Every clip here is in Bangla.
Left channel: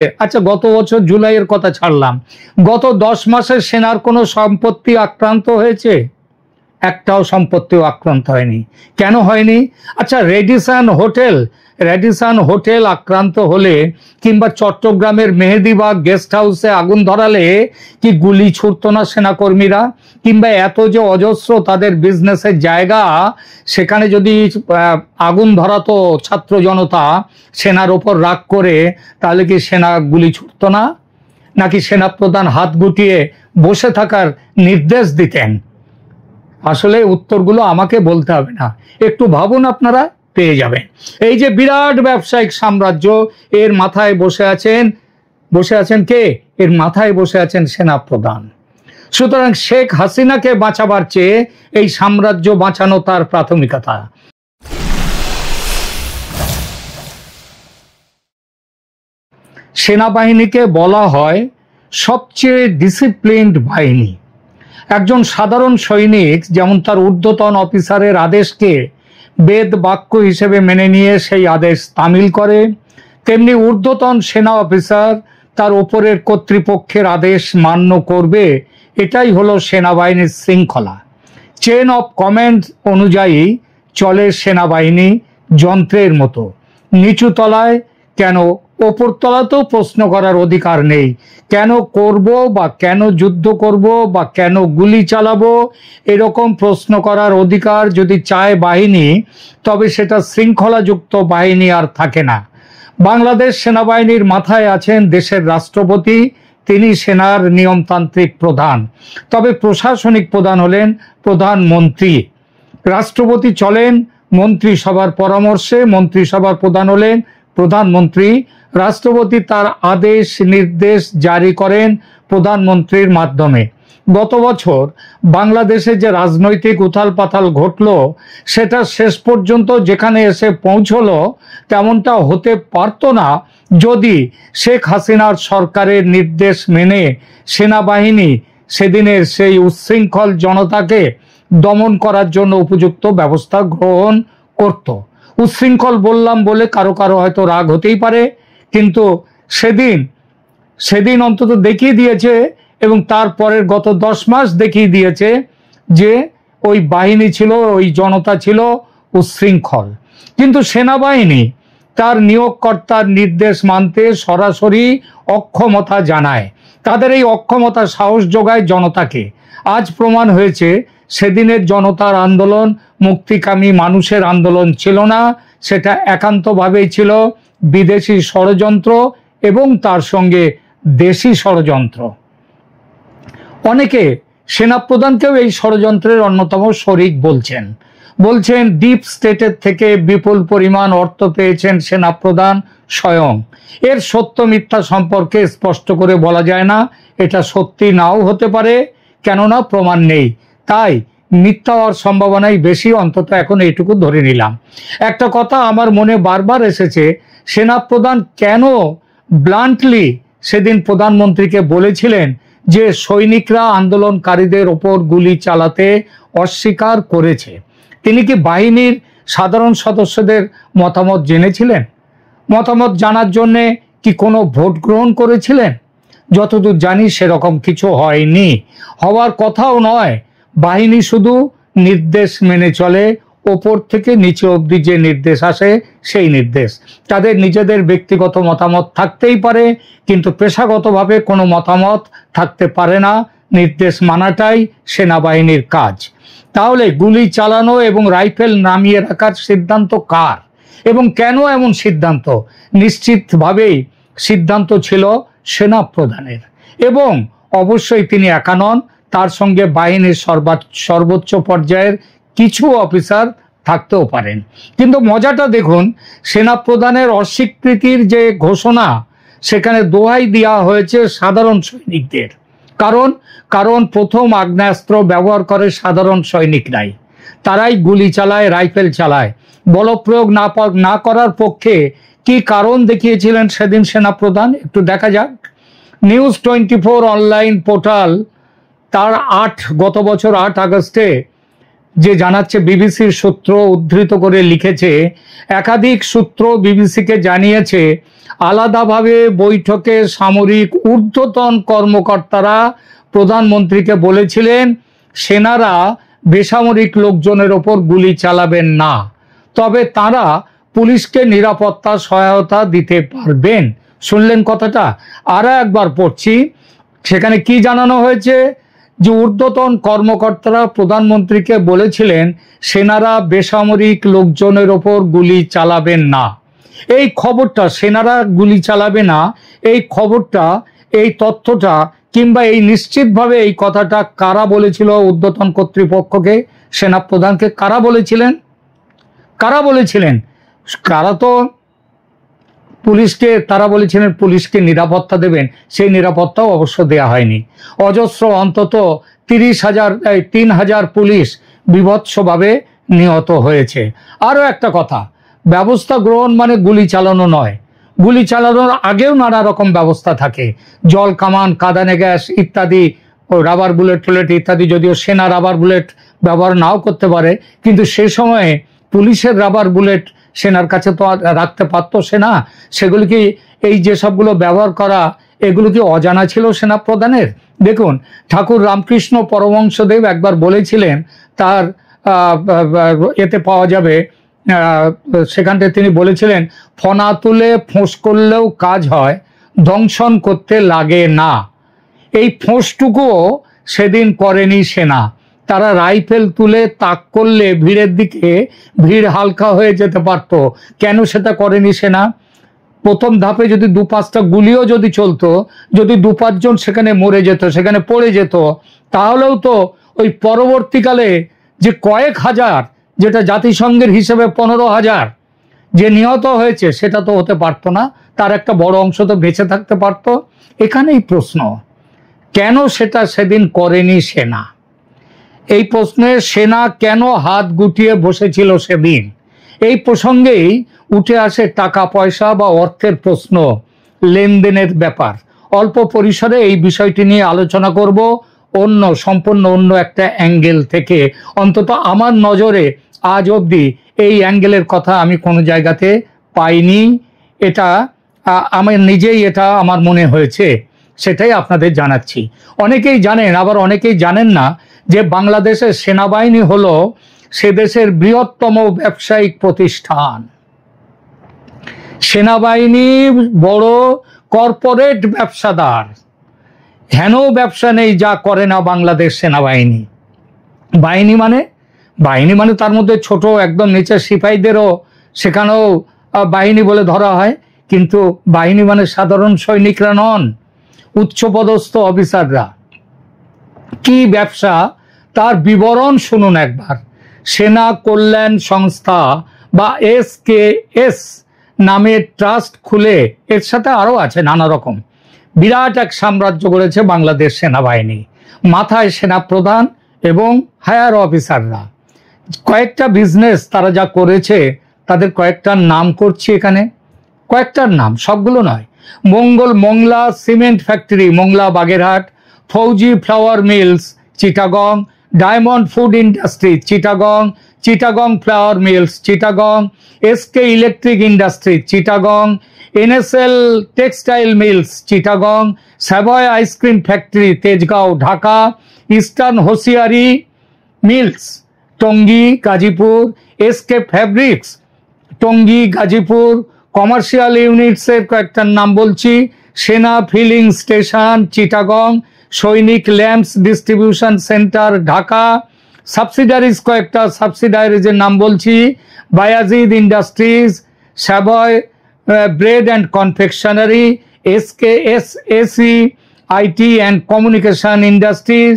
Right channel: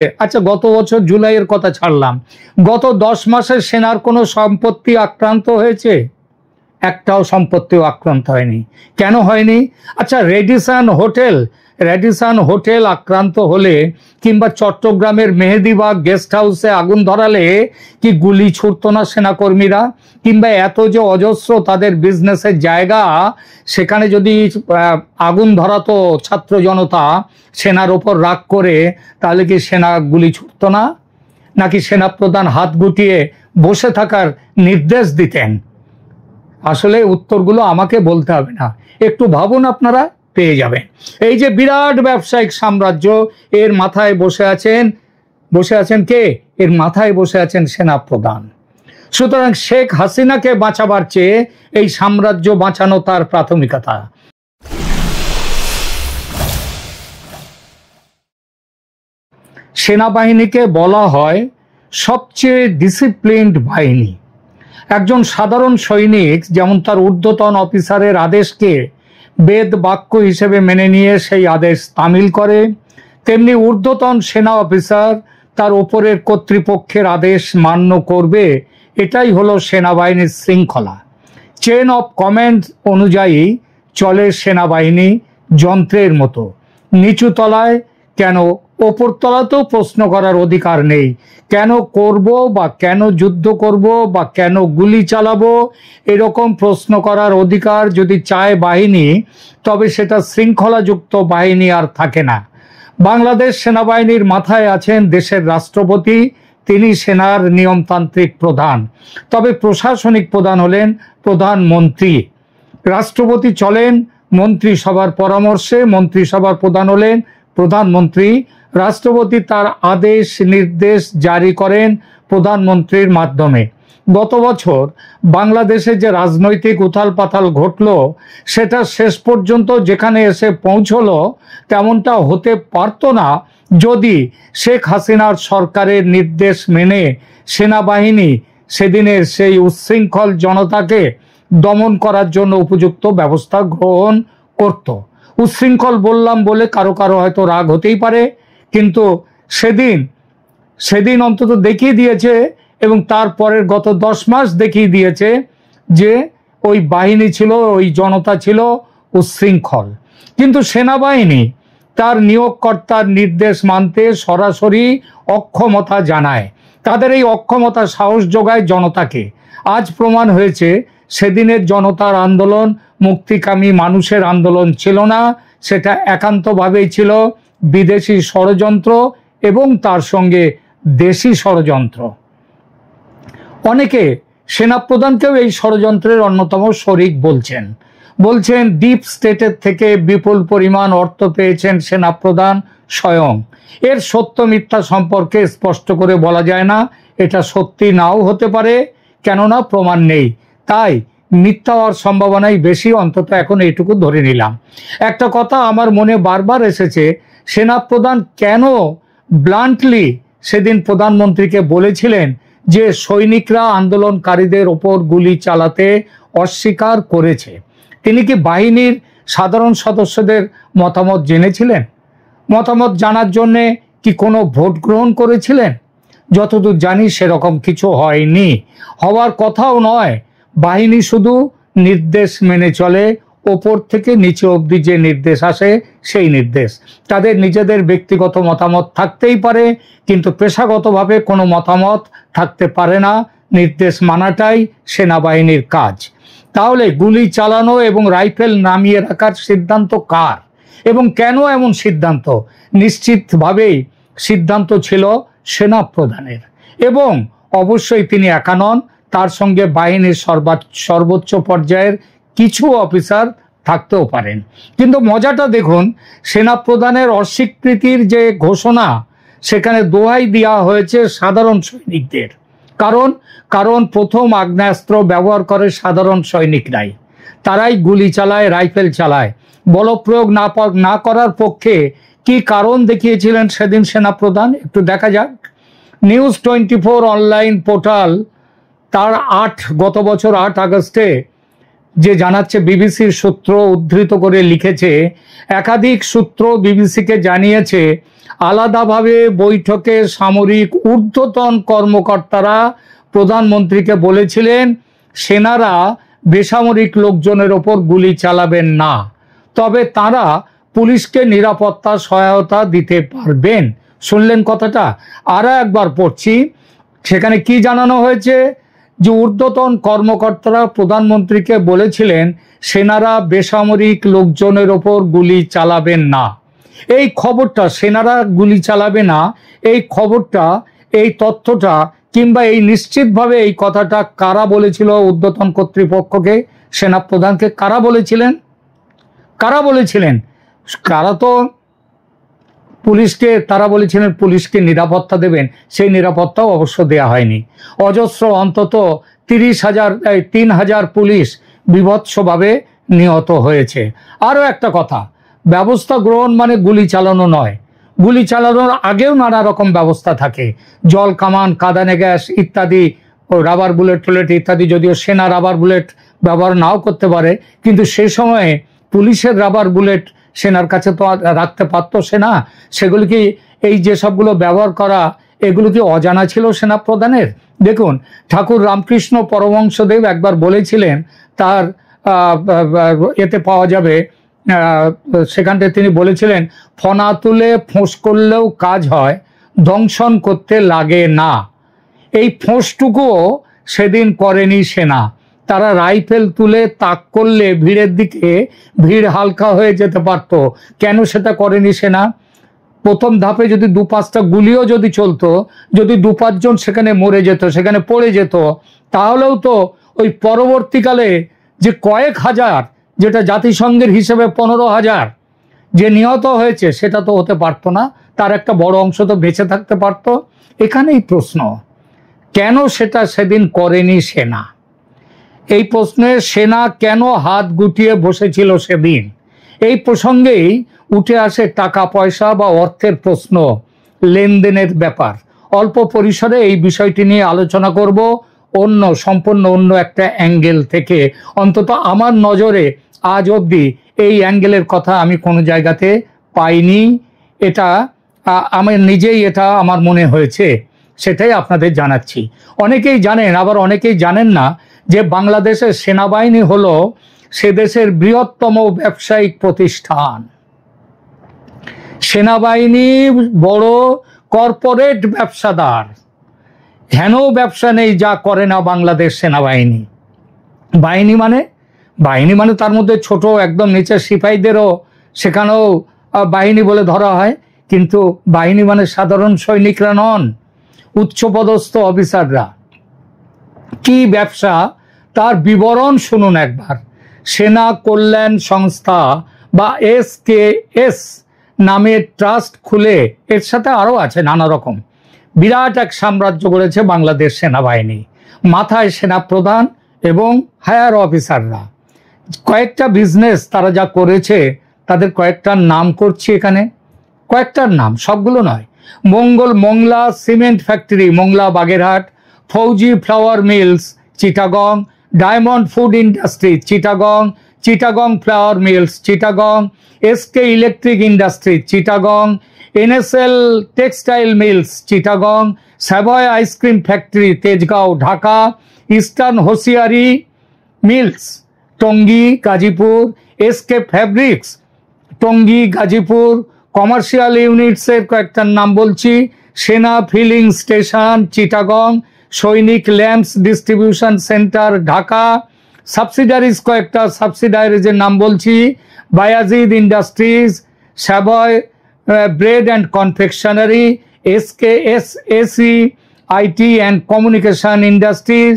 আচ্ছা, গত বছর জুলাইয়ের কথা ছাড়লাম, গত 10 মাসে সেনার কোনো সম্পত্তি আক্রান্ত হয়েছে? একটাও সম্পত্তিও আক্রান্ত হয়নি। কেন হয়নি? আচ্ছা, রেডিসন হোটেল আক্রান্ত হলে কিংবা চট্টগ্রামের মেহেদিবাগ গেস্ট হাউসে আগুন ধরালে কি গুলি ছুড়তো না সেনাকর্মীরা? কিংবা এত যে অজস্র তাদের বিজনেসের জায়গা, সেখানে যদি আগুন ধরাতো ছাত্র জনতা সেনার উপর রাগ করে, তাহলে কি সেনা গুলি ছুড়তো না? নাকি সেনাপ্রধান হাত গুটিয়ে বসে থাকার নির্দেশ দিতেন? আসলে উত্তরগুলো আমাকে বলতে হবে না, একটু ভাবুন, আপনারা পেয়ে যাবেন। এই যে বিরাট ব্যবসায়িক সাম্রাজ্য, এর মাথায় বসে আছেন কে? এর মাথায় বসে আছেন সেনাপ্রধান। সুতরাং শেখ হাসিনাকে বাঁচাবার চেয়ে এই সাম্রাজ্য বাঁচানো তার প্রাথমিকতা। সেনাবাহিনীকে বলা হয় সবচেয়ে ডিসিপ্লিনড বাহিনী। একজন সাধারণ সৈনিক যেমন তার ঊর্ধ্বতন অফিসারের আদেশকে বেদ বাক্য হিসেবে মেনে নিয়ে সেই আদেশ তামিল করে, তেমনি ঊর্ধ্বতন সেনা অফিসার তার ওপরের কর্তৃপক্ষের আদেশ মান্য করবে। এটাই হলো সেনাবাহিনীর শৃঙ্খলা। চেন অফ কমান্ড অনুযায়ী চলে সেনাবাহিনী, যন্ত্রের মতো। নিচু তলায় কেন, অপর তলাতেও প্রশ্ন করার অধিকার নেই। কেন করব বা কেন যুদ্ধ করব বা কেন গুলি চালাবো, এরকম প্রশ্ন করার অধিকার যদি চায় বাহিনী, তবে সেটা শৃঙ্খলাযুক্ত বাহিনী আর থাকে না। বাংলাদেশ সেনাবাহিনীর মাথায় আছেন দেশের রাষ্ট্রপতি, তিনি সেনার নিয়মতান্ত্রিক প্রধান। তবে প্রশাসনিক প্রধান হলেন প্রধানমন্ত্রী। রাষ্ট্রপতি চলেন মন্ত্রিসভার পরামর্শে, মন্ত্রিসভার প্রধান হলেন প্রধানমন্ত্রী। রাষ্ট্রপতি তার আদেশ নির্দেশ জারি করেন প্রধানমন্ত্রীর মাধ্যমে। গত বছর বাংলাদেশে যে রাজনৈতিক উথাল পাথাল ঘটলো, সেটা শেষ পর্যন্ত যেখানে এসে পৌঁছলো, তেমনটা হতে পারত না যদি শেখ হাসিনার সরকারের নির্দেশ মেনে সেনাবাহিনী সেদিনের সেই উচ্ছৃঙ্খল জনতাকে দমন করার জন্য উপযুক্ত ব্যবস্থা গ্রহণ করত। উচ্ছৃঙ্খল বললাম বলে কারো কারো হয়তো রাগ হতেই পারে, কিন্তু সেদিন অন্তত দেখিয়ে দিয়েছে, এবং তারপরের গত 10 মাস দেখিয়ে দিয়েছে যে ওই বাহিনী ছিল, ওই জনতা ছিল উচ্ছৃঙ্খল। কিন্তু সেনাবাহিনী তার নিয়োগকর্তার নির্দেশ মানতে সরাসরি অক্ষমতা জানায়। তাদের এই অক্ষমতা সাহস যোগায় জনতাকে। আজ প্রমাণ হয়েছে সেদিনের জনতার আন্দোলন মুক্তিকামী মানুষের আন্দোলন ছিল না, সেটা একান্তভাবেই ছিল বিদেশি ষড়যন্ত্র এবং তার সঙ্গে দেশি ষড়যন্ত্র। অনেকে সেনাপ্রধানকেও এই ষড়যন্ত্রের অন্যতম শরিক বলছেন ডিপ স্টেটের থেকে বিপুল পরিমাণ অর্থ পেয়েছেন সেনাপ্রধান স্বয়ং। এর সত্য মিথ্যা সম্পর্কে স্পষ্ট করে বলা যায় না, এটা সত্যি নাও হতে পারে, কেননা প্রমাণ নেই। তাই মিথ্যা হওয়ার সম্ভাবনাই বেশি, অন্তত এখন এইটুকু ধরে নিলাম। একটা কথা আমার মনে বারবার এসেছে, সেনাপ্রধান কেন ব্লান্টলি সেদিন প্রধানমন্ত্রীকে বলেছিলেন যে সৈনিকরা আন্দোলনকারীদের উপর গুলি চালাতে অস্বীকার করেছে? তিনি কি বাহিনীর সাধারণ সদস্যদের মতামত জেনেছিলেন? মতামত জানার জন্য কি কোনো ভোট গ্রহণ করেছিলেন? যতদূর জানি সেরকম কিছু হয়নি, হওয়ার কথাও নয়। বাহিনী শুধু নির্দেশ মেনে চলে, ওপর থেকে নিচে অবধি যে নির্দেশ আসে সেই নির্দেশ। তাদের নিজেদের ব্যক্তিগত মতামত থাকতেই পারে, কিন্তু পেশাগতভাবে কোনো মতামত থাকতে পারে না। নির্দেশ মানাটাই সেনাবাহিনীর কাজ। তাহলে গুলি চালানো এবং রাইফেল নামিয়ে রাখার সিদ্ধান্ত কার এবং কেন এমন সিদ্ধান্ত? নিশ্চিতভাবে সিদ্ধান্ত ছিল সেনাপ্রধানের, এবং অবশ্যই তিনি একা নন, তার সঙ্গে বাহিনীর সর্বোচ্চ পর্যায়ের কিছু অফিসার থাকতেও পারেন। কিন্তু মজাটা দেখুন, সেনাপ্রধানের অস্বীকৃতির যে ঘোষণা, সেখানে দোহাই দেওয়া হয়েছে সাধারণ সৈনিকদের। কারণ প্রথম আগ্নেয়াস্ত্র ব্যবহার করে সাধারণ সৈনিকরাই, তারাই গুলি চালায়, রাইফেল চালায়। বলপ্রয়োগ না করার পক্ষে কি কারণ দেখিয়েছিলেন সেদিন সেনাপ্রধান? একটু দেখা যাক। নিউজ 24 অনলাইন পোর্টাল তার গত বছর 8 আগস্টে যে জানাচ্ছে, বিবিসির সূত্র উদ্ধৃত করে লিখেছে, একাধিক সূত্র বিবিসিকে জানিয়েছে আলাদাভাবে বৈঠকে সামরিক ঊর্ধ্বতন কর্মকর্তারা প্রধানমন্ত্রীকে বলেছিলেন সেনারা বেসামরিক লোকজনের ওপর গুলি চালাবেন না, তবে তারা পুলিশকে নিরাপত্তা সহায়তা দিতে পারবেন। শুনলেন কথাটা? আর একবার পড়ছি, সেখানে কি জানানো হয়েছে যে ঊর্ধ্বতন কর্মকর্তারা প্রধানমন্ত্রীকে বলেছিলেন সেনারা বেসামরিক লোকজনের ওপর গুলি চালাবেন না। এই খবরটা, সেনারা গুলি চালাবে না, এই খবরটা, এই তথ্যটা কিংবা এই নিশ্চিতভাবে এই কথাটা কারা বলেছিল ঊর্ধ্বতন কর্তৃপক্ষকে, সেনা প্রধানকে কারা বলেছিলেন? কারা তো পুলিশকে, তারা বলেছিলেন পুলিশকে নিরাপত্তা দেবেন, সেই নিরাপত্তাও অবশ্য দেওয়া হয়নি। অজস্র অন্তত 3,000 পুলিশ বিভৎসভাবে নিহত হয়েছে। আরো একটা কথা, ব্যবস্থা গ্রহণ মানে গুলি চালানো নয়। গুলি চালানোর আগেও নানা রকম ব্যবস্থা থাকে, জল কামান, কাঁদানে গ্যাস ইত্যাদি, রাবার বুলেট টুলেট ইত্যাদি। যদিও সেনা রাবার বুলেট ব্যবহার নাও করতে পারে, কিন্তু সে সময়ে পুলিশের রাবার বুলেট সেনার কাছে তো রাখতে পারত সেনা। সেগুলি কি, এই যে সবগুলো ব্যবহার করা, এগুলো কি অজানা ছিল সেনা প্রধানের? দেখুন, ঠাকুর রামকৃষ্ণ পরমহংসদেব একবার বলেছিলেন, তার এতে পাওয়া যাবে, সেখান থেকে তিনি বলেছিলেন, ফনা তুলে ফোঁস করলেও কাজ হয়, দংশন করতে লাগে না। এই ফোঁসটুকুও সেদিন করেনি সেনা। তারা রাইফেল তুলে তাক করলে ভিড়ের দিকে ভিড় হালকা হয়ে যেতে পারত। কেন সেটা করেনি সেনা? প্রথম ধাপে যদি 2-5টা গুলিও যদি চলতো, যদি 2-5 জন সেখানে মরে যেত, সেখানে পড়ে যেত, তাহলেও তো ওই পরবর্তীকালে যে কয়েক হাজার, যেটা জাতিসংঘের হিসেবে 15,000 যে নিহত হয়েছে, সেটা তো হতে পারতো না। তার একটা বড় অংশ তো বেঁচে থাকতে পারতো। এখানেই প্রশ্ন, কেন সেটা সেদিন করেনি সেনা? এই প্রশ্নে সেনা কেন হাত গুটিয়ে বসেছিল সেদিন? এই প্রসঙ্গেই উঠে আসে টাকা পয়সা বা অর্থের প্রশ্ন, লেনদেনের ব্যাপার। অল্প পরিসরে এই বিষয়টি নিয়ে আলোচনা করব, সম্পূর্ণ অন্য একটা অ্যাঙ্গেল থেকে। অন্তত আমার নজরে আজ অবধি এই অ্যাঙ্গেলের কথা আমি কোনো জায়গাতে পাইনি। এটা আমার নিজেই, এটা আমার মনে হয়েছে, সেটাই আপনাদের জানাচ্ছি। অনেকেই জানেন, আবার অনেকেই জানেন না যে বাংলাদেশের সেনাবাহিনী হলো সে দেশের বৃহত্তম ব্যবসায়িক প্রতিষ্ঠান। সেনাবাহিনী বড় কর্পোরেট ব্যবসাদার। হেন ব্যবসা নেই যা করে না বাংলাদেশ সেনাবাহিনী। বাহিনী মানে তার মধ্যে ছোট একদম নিচের সিপাহীদেরও সেখানেও বাহিনী বলে ধরা হয়, কিন্তু বাহিনী মানে সাধারণ সৈনিকরা নন, উচ্চপদস্থ অফিসাররা। কি ব্যবসা তার বিবরণ শুনুন একবার। সেনা কল্যাণ সংস্থা বা SKS নামের ট্রাস্ট খুলে, এর সাথে আরো আছে নানা রকম, বিরাট এক সাম্রাজ্য গড়েছে বাংলাদেশ সেনাবাহিনী। মাথায় সেনা প্রধান এবং হায়ার অফিসাররা। কয়েকটা বিজনেস তারা যা করেছে, তাদের কয়েকটার নাম করছি এখানে, কয়েকটার নাম, সবগুলো নয়। Mongla cement factory, Mongla Bagerhat, Fauji flour mills Chittagong, diamond food industry Chittagong, Chittagong flour mills Chittagong, SK electric industry Chittagong, NSL textile mills Chittagong, Savoy ice cream factory Tejgaon Dhaka, eastern hosiery mills Tongi Gazipur, SK fabrics Tongi Gazipur, commercial units এর কয়েকটার নাম বলছি, Sena filling station Chittagong, Sainik lamps distribution centre Dhaka, subsidiaries কয়েকটা সাবসিডারিজ এর নাম বলছি, Bayazid industries, Savoy bread and confectionery, SKSAC IT and communication industries,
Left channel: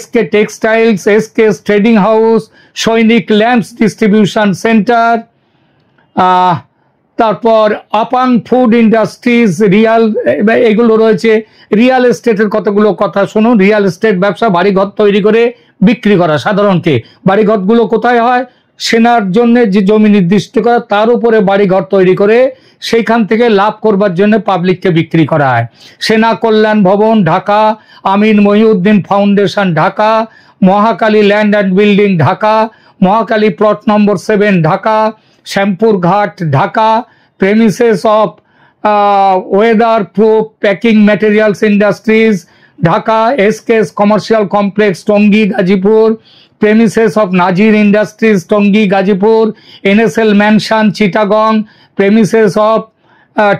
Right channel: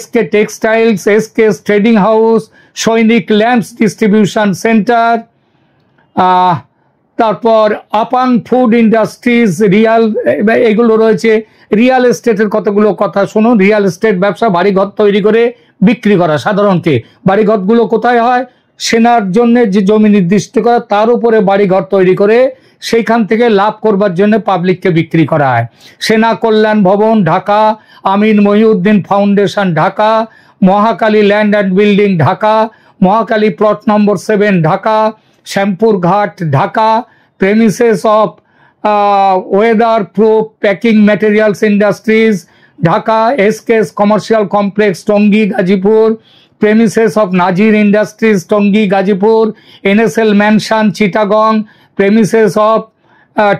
SK textiles, SK trading house, সৈনিক ল্যাম্পস ডিস্ট্রিবিউশন সেন্টার, তারপর আপাং ফুড ইন্ডাস্ট্রিজ, রিয়াল, এগুলো রয়েছে। রিয়াল এস্টেটের কতগুলো কথা শোনো। রিয়াল এস্টেট ব্যবসা, বাড়িঘর তৈরি করে বিক্রি করা। সাধারণত বাড়িঘর গুলো কোথায় হয়? সেনার জন্য যে জমি নির্দিষ্ট করা, তার উপরে বাড়িঘর তৈরি করে সেইখান থেকে লাভ করবার জন্য পাবলিককে বিক্রি করা হয়। Sena Kalyan Bhaban Dhaka, Amin Mohiuddin foundation Dhaka, Mohakali land and building Dhaka, Mohakali plot number 7 Dhaka, Shyampur Ghat Dhaka, premises of weather proof packing materials industries Dhaka, SKS commercial complex Tongi Gazipur, premises of Nazir industries Tongi Gazipur, NSL mansion Chittagong, premises of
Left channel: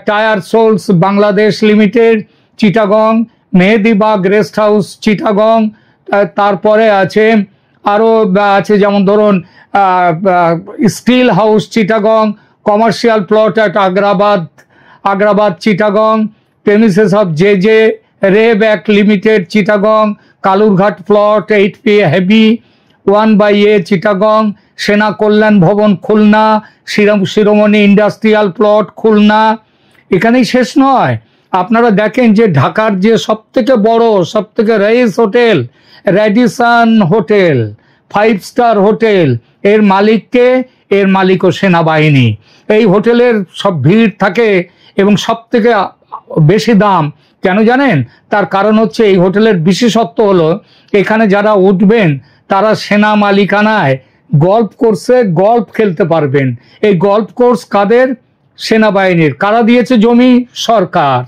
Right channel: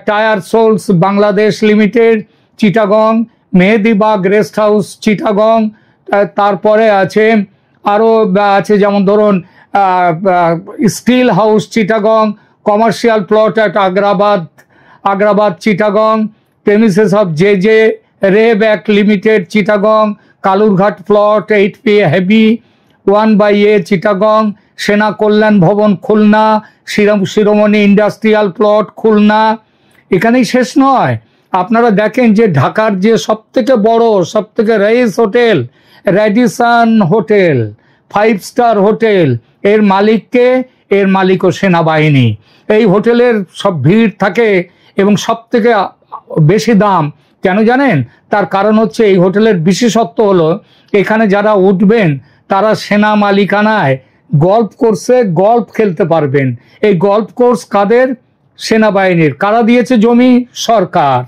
tyre soles Bangladesh limited Chittagong, Mehedibagh rest house Chittagong, তারপরে আছে আরো আছে যেমন ধরুন steel house Chittagong, commercial plot at Agrabad Chittagong, premises of J RAB act limited Chittagong, Kalurghat plot 8P heavy 1/A Chittagong, সেনা কল্যাণ ভবন খুলনা, শিরোমণি ইন্ডাস্ট্রিয়াল প্লট খুলনা। এখানেই শেষ নয়, আপনারা দেখেন যে ঢাকার যে সব থেকে বড় সব থেকে rice hotel Radisson hotel 5 star hotel, এর মালিককে, এর মালিকও সেনাবাহিনী। এই হোটেলের সব ভিড় থাকে এবং সব থেকে বেশি দাম কেন জানেন? তার কারণ হচ্ছে এই হোটেলের বিশেষত্ব হলো এখানে যারা উঠবেন তারা সেনা মালিকানায় গল্ফ কোর্সে গল্ফ খেলতে পারবেন। এই গল্ফ কোর্স কাদের? সেনাবাহিনীর। কারা দিয়েছে জমি? সরকার।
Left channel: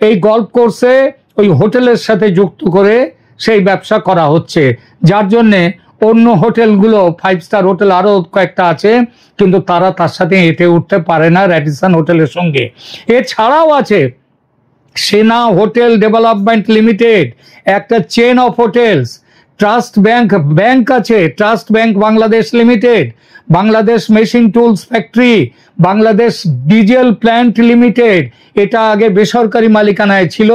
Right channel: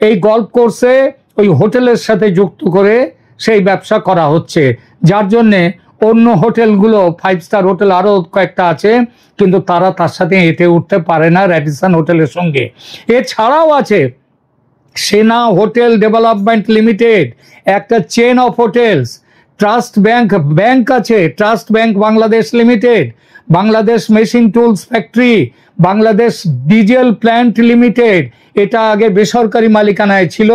এই গল্ফ কোর্সে ওই হোটেলের সাথে যুক্ত করে সেই ব্যবসা করা হচ্ছে, যার জন্য অন্য হোটেলগুলো 5 স্টার হোটেল আরো কয়েকটা আছে কিন্তু তারা তার সাথে এতে উঠতে পারে না র্যাডিসন হোটেলের সঙ্গে। এছাড়াও আছে সেনা হোটেল ডেভেলপমেন্ট লিমিটেড, একটা chain of hotels. Trust bank আছে, trust bank Bangladesh limited, Bangladesh machine tools factory, Bangladesh diesel plant limited, এটা আগে বেসরকারি মালিকানায় ছিল,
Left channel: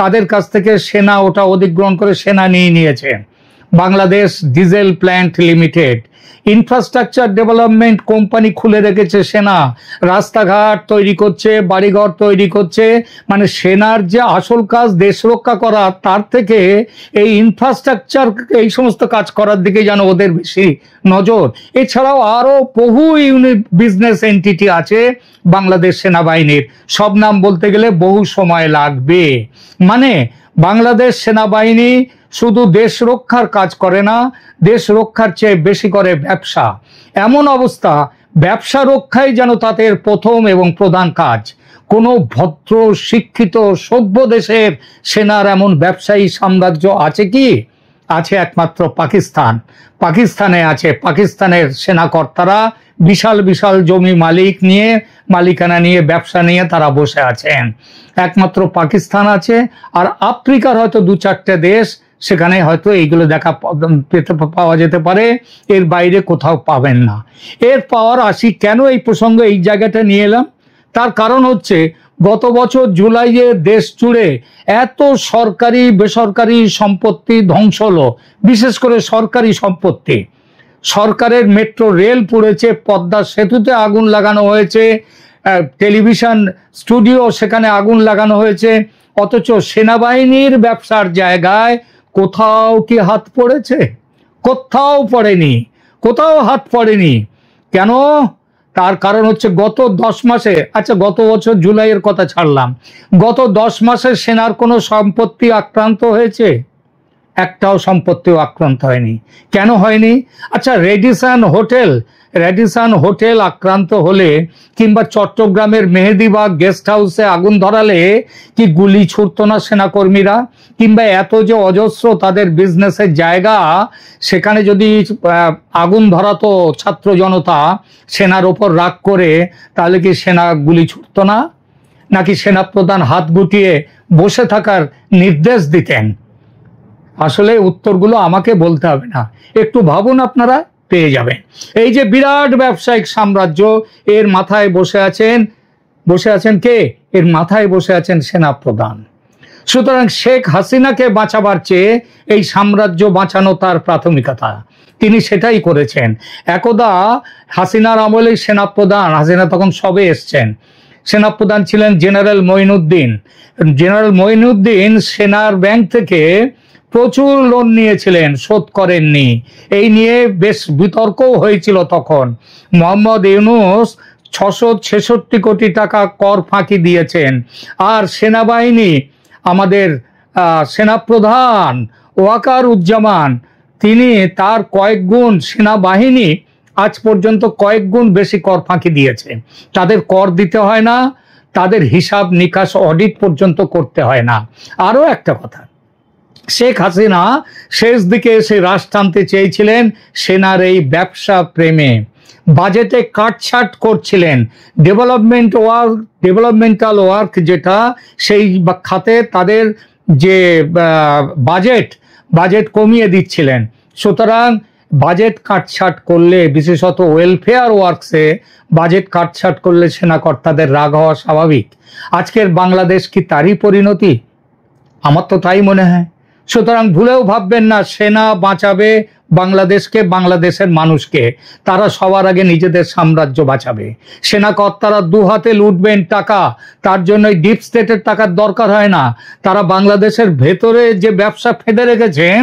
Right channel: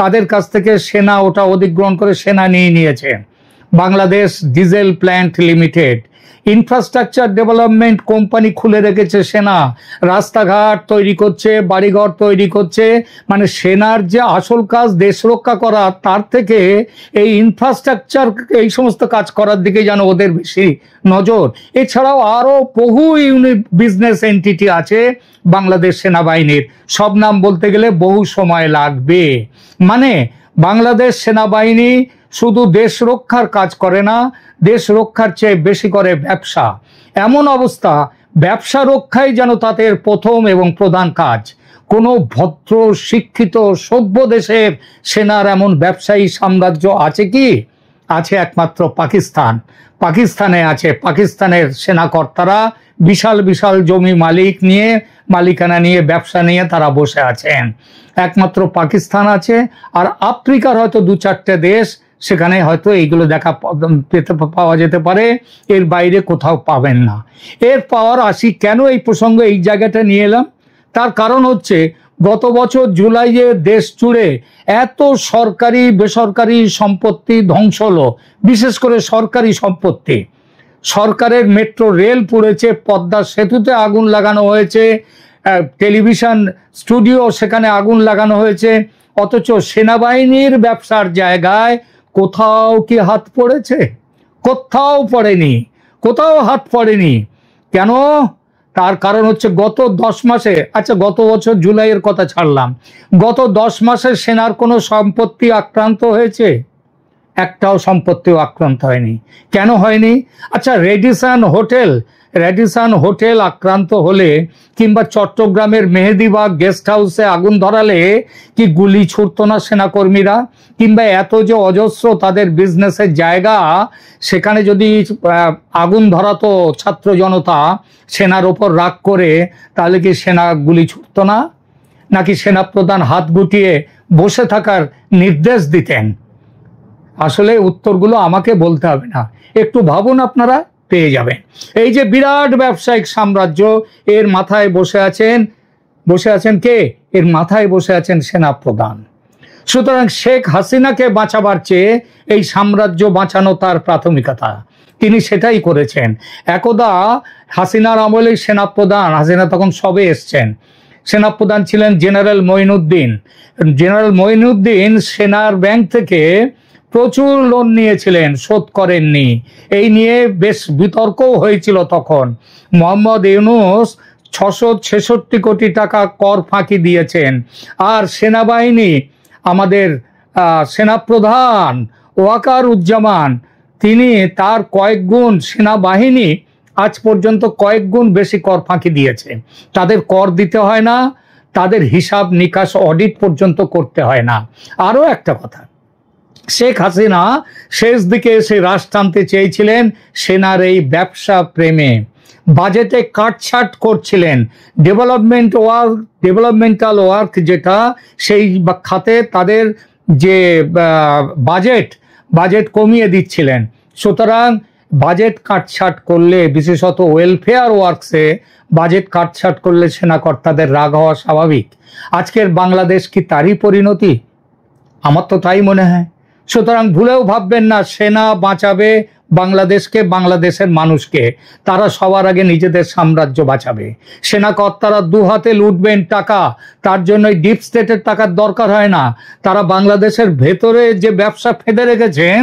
তাদের কাছ থেকে সেনা ওটা অধিগ্রহণ করে সেনা নিয়ে নিয়েছে। Bangladesh diesel plant limited. Infrastructure development company খুলে রেখেছে সেনা, রাস্তাঘাট তৈরি করছে, বাড়িঘর তৈরি করছে। মানে সেনার যে আসল কাজ দেশ রক্ষা করা, তার থেকে এই ইনফ্রাস্ট্রাকচার এই সমস্ত কাজ করার দিকে যেন ওদের বেশি নজর। এছাড়াও আরো বহু বিজনেস এন্টিটি আছে বাংলাদেশ সেনাবাহিনীর, সব নাম বলতে গেলে বহু সময় লাগবে। মানে বাংলাদেশ সেনাবাহিনী শুধু দেশ রক্ষার কাজ করে না, দেশ রক্ষার চেয়ে বেশি করে ব্যবসা। এমন অবস্থা, ব্যবসা রক্ষাই যেন তাদের প্রথম এবং প্রধান কাজ। কোন ভদ্র শিক্ষিত সভ্য দেশের সেনার এমন ব্যবসায়ী সাম্রাজ্য আছে কি? আছে একমাত্র পাকিস্তান। পাকিস্তানে আছে, পাকিস্তানের সেনাকর্তারা বিশাল বিশাল জমি মালিকানা নিয়ে ব্যবসা নিয়ে তারা বসে আছেন। একমাত্র পাকিস্তান আছে, আর আফ্রিকার হয়তো 2-4টে দেশ, সেখানে হয়তো এইগুলো পাওয়া যেতে পারে, এর বাইরে কোথাও পাবেন না। এরপর আসি কেন এই প্রসঙ্গ এই জায়গাটা নিয়ে এলাম, তার কারণ হচ্ছে গত বছর জুলাইয়ে দেশ জুড়ে এত সরকারি বেসরকারি সম্পত্তি ধ্বংস হলো, বিশেষ করে সরকারি সম্পত্তি। সরকারের মেট্রো রেল পুড়েছে, পদ্মা সেতুতে আগুন লাগানো হয়েছে, টেলিভিশন স্টুডিও সেখানে আগুন লাগানো হয়েছে। অথচ সেনাবাহিনীর ব্যবসার জায়গায় কোথাও কি হাত পড়েছে? কোথাও পড়েনি, কোথাও হাত পড়েনি। কেন? তার কারণ হচ্ছে গত 10 মাসে, আচ্ছা গত বছর জুলাইয়ের কথা ছাড়লাম, গত 10 মাসে সেনার কোনো সম্পত্তি আক্রান্ত হয়েছে? একটাও সম্পত্তিও আক্রান্ত হয়নি। কেন হয়নি? আচ্ছা র্যাডিসন হোটেল আক্রান্ত হলে, কিংবা চট্টগ্রামের মেহেদিবাগ গেস্ট হাউসে আগুন ধরালে কি গুলি ছুটতো না সেনাকর্মীরা? কিংবা এত যে অজস্র তাদের বিজনেসের জায়গা, সেখানে যদি আগুন ধরাতো ছাত্র জনতা সেনার উপর রাগ করে, তাহলে কি সেনা গুলি ছুটতো না? নাকি সেনাপ্রধান হাত গুটিয়ে বসে থাকার নির্দেশ দিতেন? আসলে উত্তরগুলো আমাকে বলতে হবে না, একটু ভাবুন, আপনারা পেয়ে যাবেন। এই যে বিরাট ব্যবসায়িক সাম্রাজ্য, এর মাথায় বসে আছেন কে? এর মাথায় বসে আছেন সেনাপ্রধান। সুতরাং শেখ হাসিনাকে বাঁচাবার চেয়ে এই সাম্রাজ্য বাঁচানো তার প্রাথমিকতা, তিনি সেটাই করেছেন। একদা হাসিনার আমলে সেনাপ্রধান, হাসিনা তখন সবে এসছেন, সেনাপ্রধান ছিলেন জেনারেল মঈনুদ্দিন। সেনার ব্যাংক থেকে প্রচুর লোন নিয়েছিলেন, শোধ করেননি। এই নিয়ে বেশ বিতর্কও হয়েছিল তখন। মোহাম্মদ ইউনূস 666 কোটি টাকা কর ফাঁকি দিয়েছেন। আর সেনাবাহিনী, আমাদের সেনাপ্রধান ওয়াকারুজ্জামান তিনি তার কয়েক গুণ সেনাবাহিনী আজ পর্যন্ত কয়েক গুণ বেশি কর ফাঁকি দিয়েছে। তাদের কর দিতে হয় না, তাদের হিসাব নিকাশ অডিট পর্যন্ত করতে হয় না। আরো একটা কথা, শেখ হাসিনা শেষ দিকে এসে রাশ টানতে চেয়েছিলেন সেনার এই ব্যবসা প্রেমে, বাজেটে কাটছাট করছিলেন, ডেভেলপমেন্টাল ওয়ার্ক যেটা সেই খাতে তাদের যে বাজেট কমিয়ে দিচ্ছিলেন। সুতরাং বাজেট কাটছাট করলে, বিশেষত ওয়েলফেয়ার ওয়ার্কসে বাজেট কাটছাট করলে সেনাকর্তাদের রাগ হওয়া স্বাভাবিক। আজকের বাংলাদেশ কি তারই পরিণতি? আমার তো তাই মনে হয়। সুতরাং ভুলেও ভাববেন না সেনা বাঁচাবে বাংলাদেশকে, বাংলাদেশের মানুষকে। তারা সবার আগে নিজেদের সাম্রাজ্য বাঁচাবে। সেনাকর্তারা দু হাতে লুটবেন টাকা, তার জন্য ডিপ স্টেটের টাকার দরকার হয় না। তারা বাংলাদেশের ভেতরে যে ব্যবসা ফেঁদে রেখেছেন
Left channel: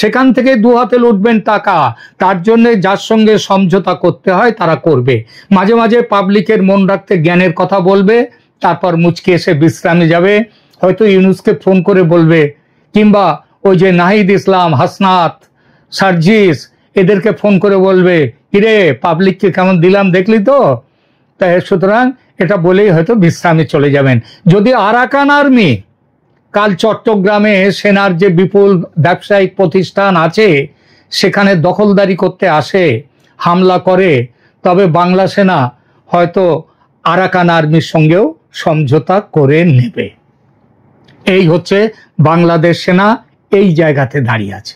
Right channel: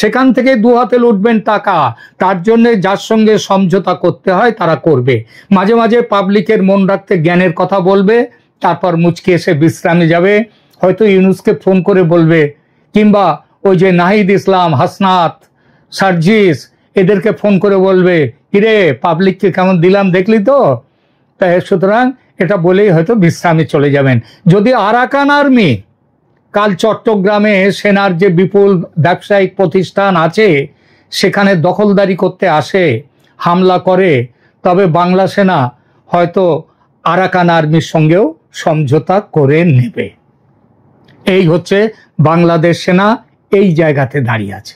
সেখান থেকে দু হাতে লুটবেন টাকা, তার জন্য যার সঙ্গে সমঝোতা করতে হয় তারা করবে। মাঝে মাঝে পাবলিকের মন রাখতে জ্ঞানের কথা বলবে, তারপর মুচকি এসে বিশ্রামে যাবে। হয়তো ইউনুসকে ফোন করে বলবে, কিংবা ওই যে নাহিদ ইসলাম, হাসনাত, সার্জিস, এদেরকে ফোন করে বলবে, কিরে পাবলিককে কেমন দিলাম দেখলি তো। তাই সুতরাং এটা বলেই হয়তো বিশ্রামে চলে যাবেন। যদি আরাকান আর্মি কাল চট্টগ্রামে সেনার যে বিপুল ব্যবসায়িক প্রতিষ্ঠান আছে সেখানে দখলদারি করতে আসে, হামলা করে, তবে বাংলা সেনা হয়তো আরাকান আর্মির সঙ্গেও সমঝোতা করে নেবে। এই হচ্ছে বাংলাদেশ সেনা এই জায়গাতে দাঁড়িয়ে আছে।